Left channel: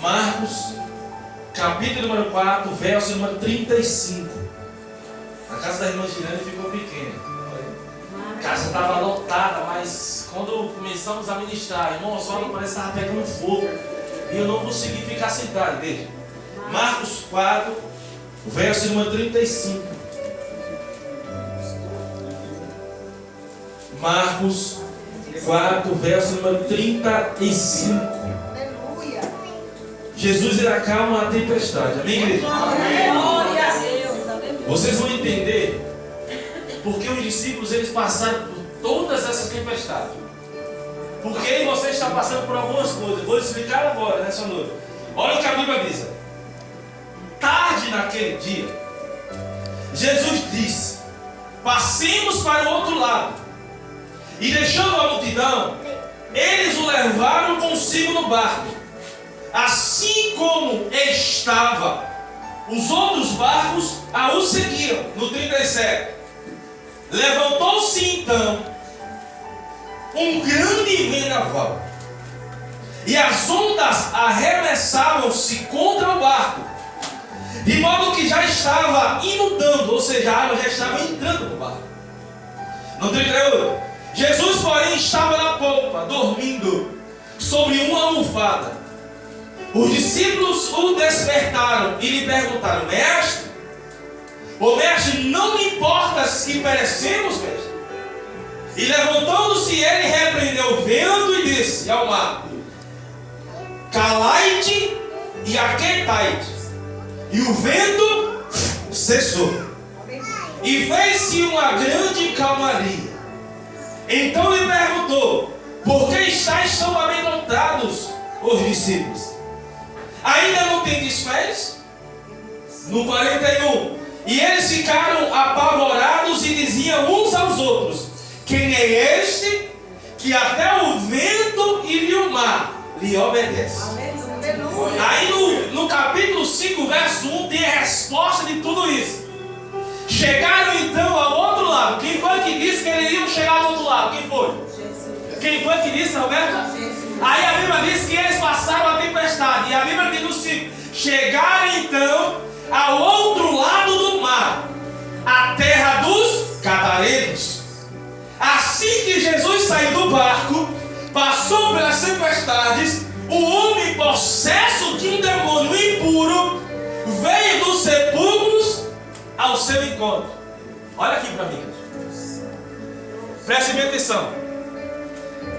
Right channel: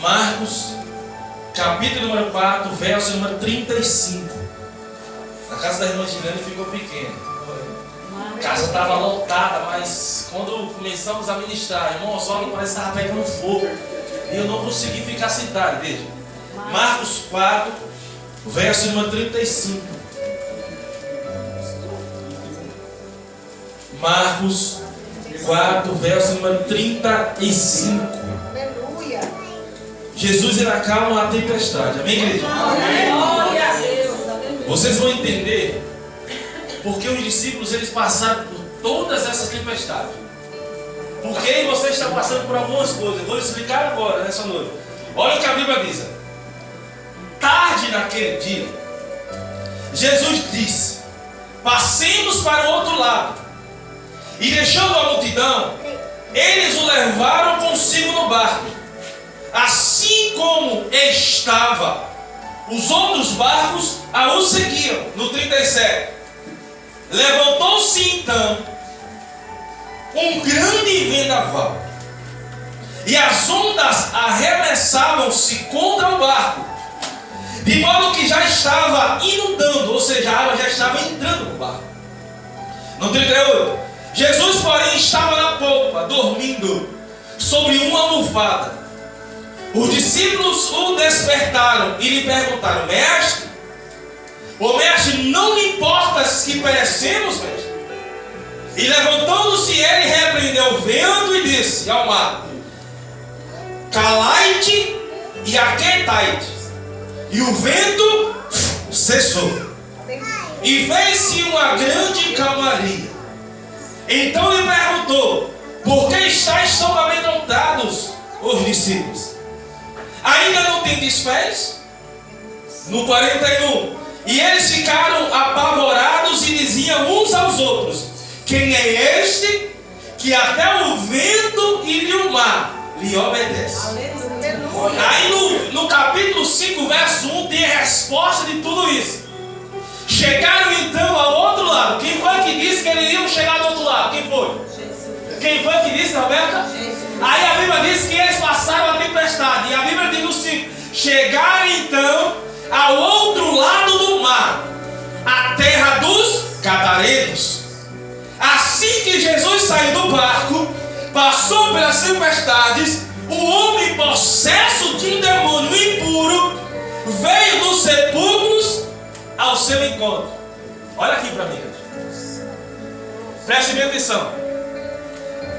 Marcos, capítulo número 4, verso número 35. A casa da irmã Girane ficou pequena. A casa estava lotada, mas quando começamos a ministrar, irmão Osório parece que estava pegando fogo. E eu não consegui ficar sentado, veja. Marcos 4, verso número 35. Marcos 4, verso número 35. Aleluia. Jesus ele acalma a tempestade. Amém, igreja? Vocês vão entender porque os discípulos eles passaram por todas essas tempestades. Porque você está passando por algumas coisas. Eu vou explicar agora, nessa noite. Olha o que a Bíblia diz. Tarde naquele dia, Jesus disse: passemos para o outro lado. E deixando a multidão, eles o levaram consigo no barco. Assim como estava, os outros barcos o seguiam. No 37. Levantou-se então um grande vendaval, e as ondas arremessavam-se contra o barco, de modo que já estava inundando, ou seja, a água já estava entrando no barco. No 38, Jesus, porém, estava na popa, dormindo sobre uma almofada. Os discípulos o despertaram e lhe perguntaram: mestre, não me importas que perecemos, mestre? E levantando-se ele, repreendeu o vento e disse ao mar: calai-te e aquietai-te. E o vento cessou, e fez-se uma grande calmaria. Então lhe perguntou: por que estáis tão amedrontados, os discípulos? Ainda não tendes fé? No 41. E eles ficaram apavorados e diziam uns aos outros: quem é este que até o vento e o mar lhe obedece? Aí no capítulo 5, verso 1, tem a resposta de tudo isso. Chegaram então ao outro lado. Quem foi que disse que eles iam chegar ao outro lado? Quem foi? Jesus. Quem foi que disse, Roberta? Jesus. Aí a Bíblia diz que eles passaram a tempestade. E a Bíblia diz no 5: chegaram então ao outro lado do mar, a terra dos Gadarenos. Assim que Jesus saiu do barco, passou pelas tempestades, o homem possesso de um demônio impuro veio dos sepulcros ao seu encontro. Olha aqui para mim, preste bem atenção.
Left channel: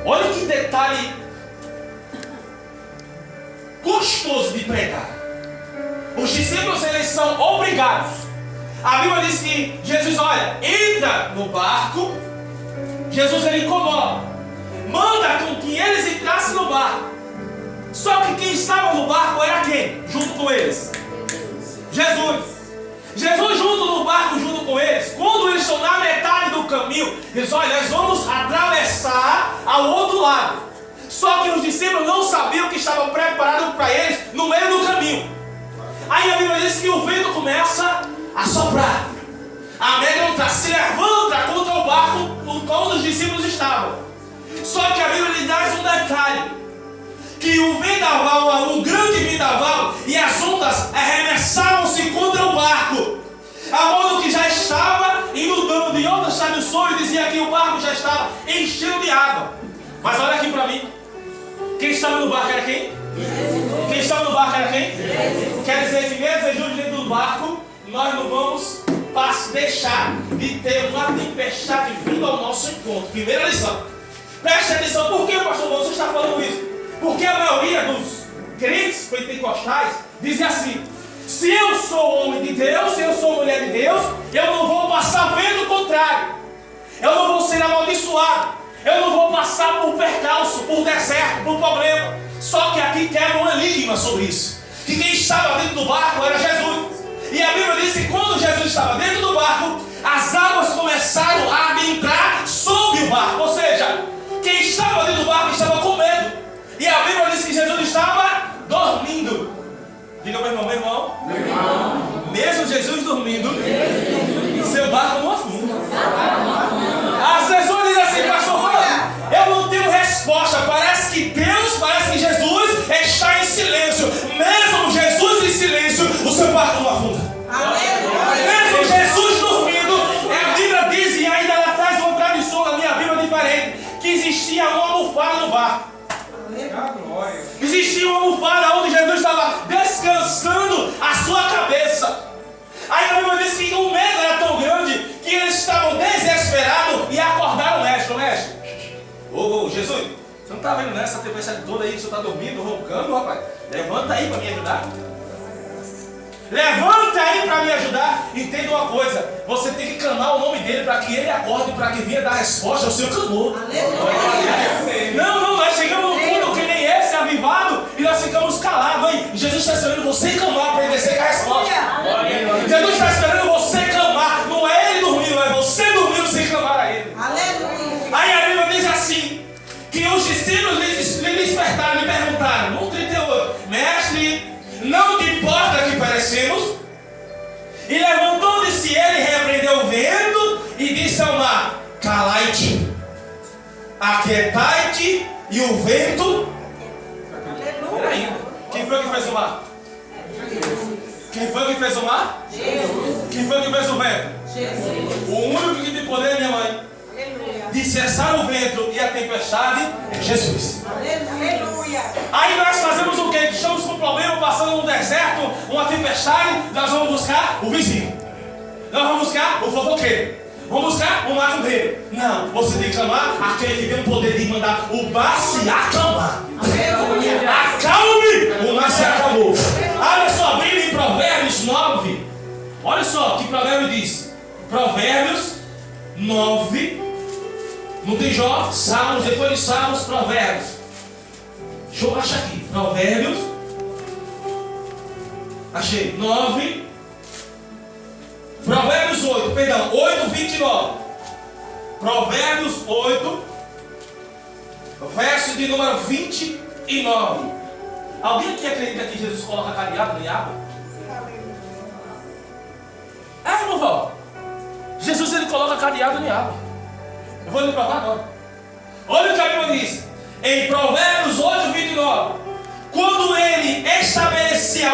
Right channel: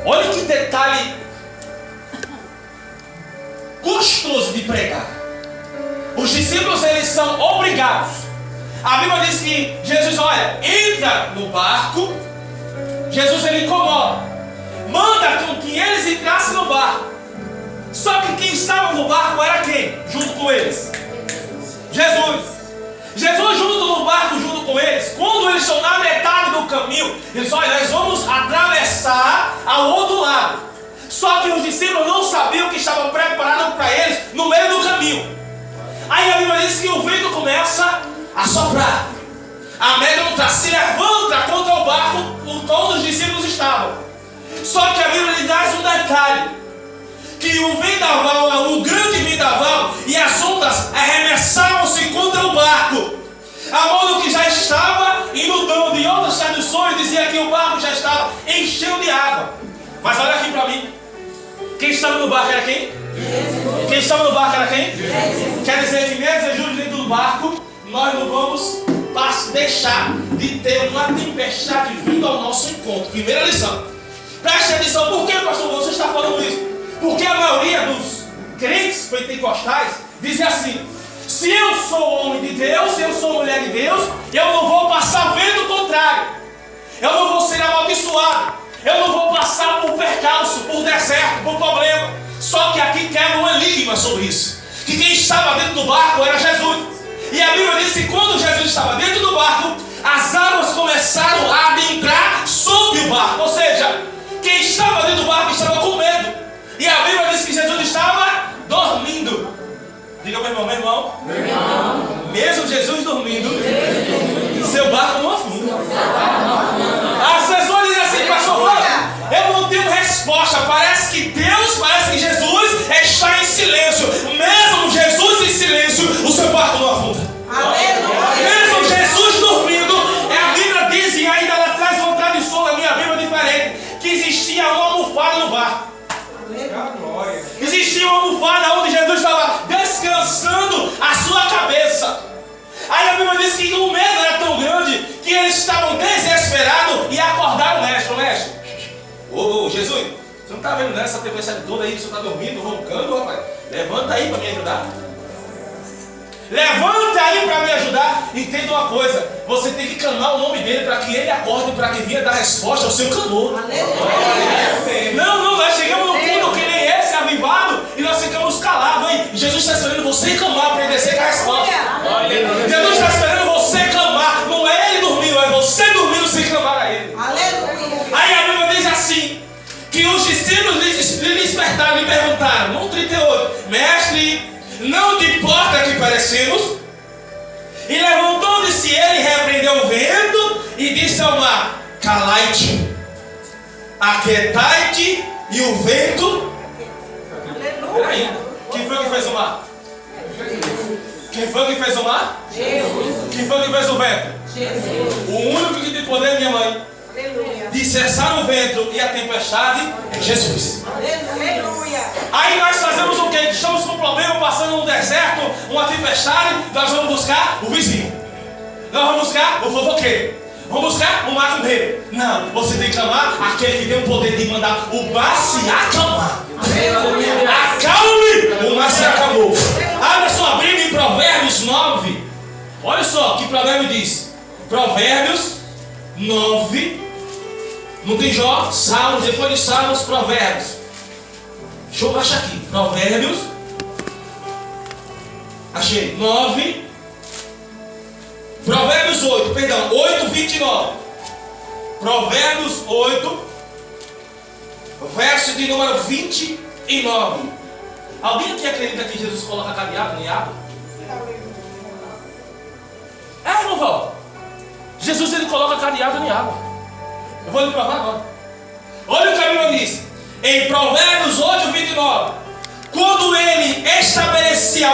Olha que detalhe gostoso de pregar. Os discípulos eles são obrigados. A Bíblia diz que Jesus, olha, entra no barco. Jesus ele incomoda, manda com que eles entrassem no barco. Só que quem estava no barco era quem? Junto com eles? Jesus. Jesus junto no barco, junto com eles. Quando eles estão na metade do caminho, eles olha, nós vamos atravessar ao outro lado. Só que os discípulos não sabiam que estavam preparados para eles no meio do caminho. Aí a Bíblia diz que o vento começa a soprar, amedrontar, se levanta contra o barco onde os discípulos estavam. Só que a Bíblia lhe dá um detalhe: que o vendaval, um grande vendaval, e as ondas arremessavam-se contra o barco, a modo que já estava inundando. Em outras traduções dizia que o barco já estava enchendo de água. Mas olha aqui para mim, quem estava no barco era quem? Jesus. Quem estava no barco era quem? Jesus. Quer dizer que mesmo Jesus dentro do barco, nós não vamos deixar de ter uma tempestade vindo ao nosso encontro. Primeira lição. Preste atenção. Por que, pastor, você está falando isso? Porque a maioria dos crentes pentecostais dizem assim: se eu sou homem de Deus, se eu sou mulher de Deus, eu não vou passar vendo o contrário, eu não vou ser amaldiçoado, eu não vou passar por percalço, por deserto, por problema. Só que aqui quebra um enigma sobre isso: que quem estava dentro do barco era Jesus. E a Bíblia diz que quando Jesus estava dentro do barco, as águas começaram a adentrar sobre o barco. Ou seja, quem estava dentro do barco estava com medo. E a Bíblia diz que Jesus estava dormindo. Diga meu irmão, mesmo Jesus dormindo, seu barco não afunda. As pessoas dizem assim: pastor, eu não tenho resposta. Parece que Jesus está em silêncio. Existia uma almofada onde Jesus estava descansando a sua cabeça. Aí a Bíblia diz que o medo era tão grande que eles estavam desesperados e acordaram o mestre. Ô, Jesus, você não está vendo nessa tempestade toda aí? Você está dormindo, roncando, rapaz? Levanta aí para me ajudar. Levanta aí para me ajudar. Entenda uma coisa: você tem que clamar o nome dele para que ele acorde, para que venha dar resposta ao seu clamor. Não, nós chegamos no ponto que nem esse avivado e nós ficamos calados aí. Jesus está esperando você clamar para ele descer com a resposta. Jesus está esperando você clamar. Não é ele dormindo, é você dormindo sem clamar a ele. Aí a Bíblia diz assim: que os discípulos lhe despertaram e perguntaram, no 38, mestre, não te importa que perecemos? E levantou-se ele, repreendeu o vento e disse ao mar: calai-te, aquietai-te, e o vento. Peraí, quem foi que fez o mar? Quem foi que fez o mar? Jesus. Quem foi que fez o vento? Jesus. O único que tem poder, minha mãe, de cessar o vento e a tempestade é Jesus. Aleluia. Aí nós fazemos o quê? Estamos com um problema, passando no deserto, uma tempestade, nós vamos buscar o vizinho. Nós vamos buscar o fofoqueiro. Vamos buscar o macumbeiro. Não, você tem que chamar aquele que tem o poder de mandar o mar se acalmar. Aleluia. Acalme, o mar se acalmou. Abra sua Bíblia em Provérbios 9. Olha só que provérbio diz. Provérbios 9. Não tem Jó, Salmos, depois de Salmos, Provérbios. Deixa eu achar aqui. Provérbios. Achei. 9. Provérbios 8, perdão, 8, 29. Provérbios 8, verso de número 29. Alguém aqui acredita que Jesus coloca cadeado em água? É, irmão Val. Jesus ele coloca cadeado em água. Eu vou lhe provar agora. Olha o que a Bíblia diz. Em Provérbios 8, 29. Quando ele estabelecia